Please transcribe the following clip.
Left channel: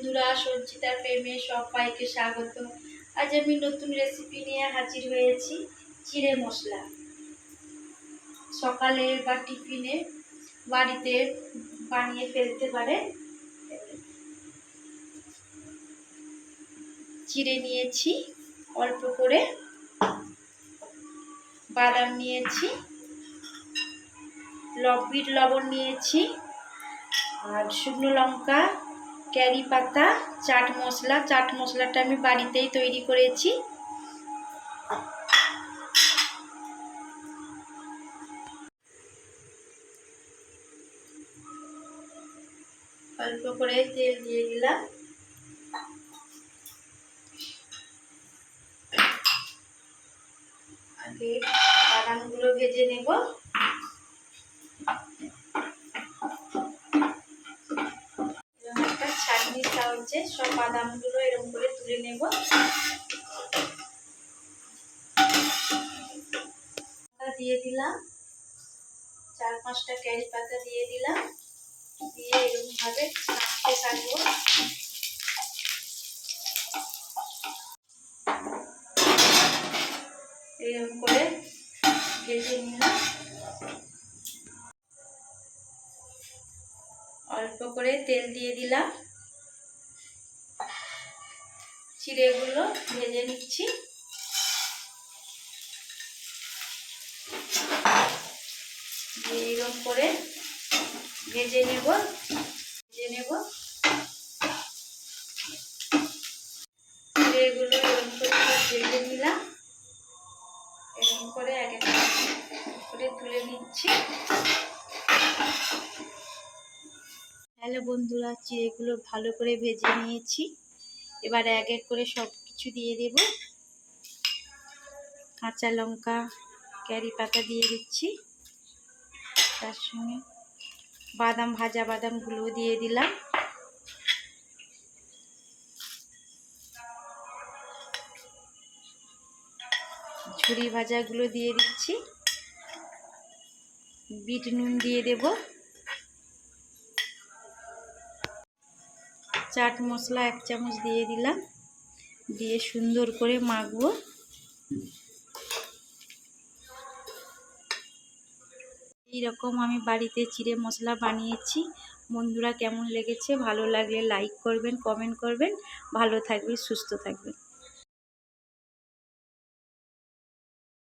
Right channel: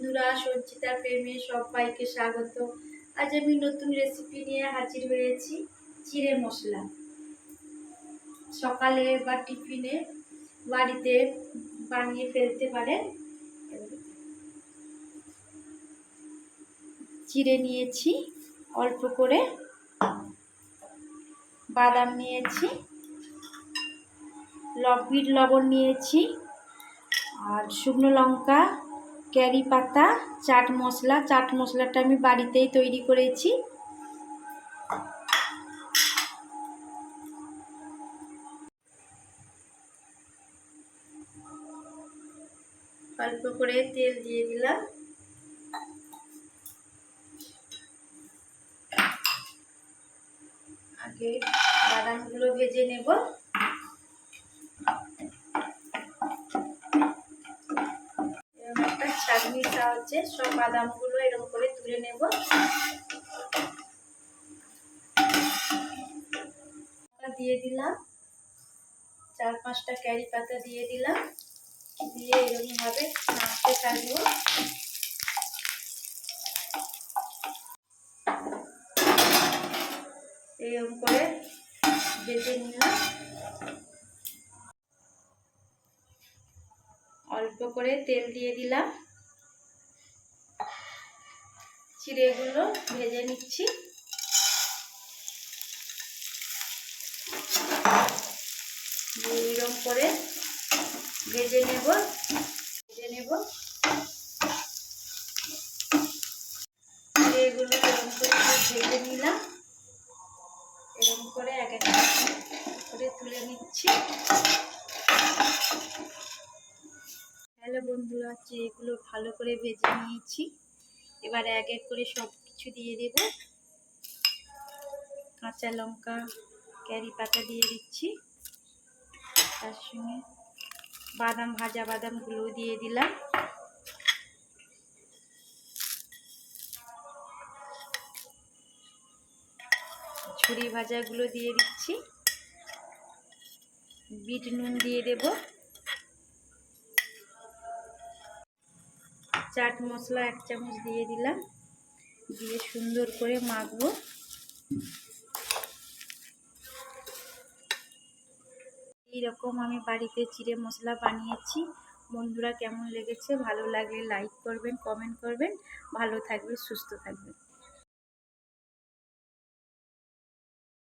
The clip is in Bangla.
বন্ধুরা, সঞ্চিতার প্রেমে সবাইকে স্বাগত। আজ আমি নতুন রেসিপি নিয়ে হাজির হয়েছি। চিড়ে মশলা সকালে বা টিফিনে বাড়িতে বানিয়ে ফেলতে পারে। চিড়ে নিয়েছি অল্প করে, বাদাম নিয়েছি, বিট লবণ নিয়েছি, আর শুকনো লঙ্কা, কারি পাতা, চাট মশলাটা আমি বাড়িতেই তৈরি করেছি। অল্প করে তেল দিয়ে দিলাম। আগে বাদামগুলো ভেজে নেব। এরকম একটা ছাঁকনির সাহায্যে সব বাদামগুলো এরকম করে তুলে নেব। দিয়ে দিলাম 4-5টা কারি পাতা দিয়ে দিলাম, দিয়ে এরকম ভাবে নাড়তে থাকবো। এরকম করে ভেজে নিলাম। অল্প করে তেল দিয়ে দিলাম, চিড়েগুলো ভেজে নিচ্ছি। এরকম করে ভেজে নেব। চিড়েগুলো এরকম করে ভেজে নিলাম। এরকম করে এক এক করে তুলে নিচ্ছি। হ্যালো বন্ধুরা, চিড়েগুলো ভালো করে ভেজে নিয়েছি। এবার এক এক করে সব কিছু দিয়ে দেব। কাঁচা লঙ্কা, কারি পাতা দিয়ে দিচ্ছি, তার সঙ্গে ভাজা বাদামগুলো দিয়ে দিলাম। ঝুরি ভাজাগুলো দিয়ে দিচ্ছি। বিট নুন দিয়ে দেব। চাট মশলা 1 চামচ দিয়ে দিলাম, দিয়ে সুন্দর করে মাখবো। এইরকম আমি বাড়িতে চিড়ে মশলা বানিয়েছি। বন্ধুরা, কেমন লেগেছে? ভালো লাগলে লাইক করবেন, কমেন্ট করবেন। ভালো থাকবেন, সুস্থ থাকবেন।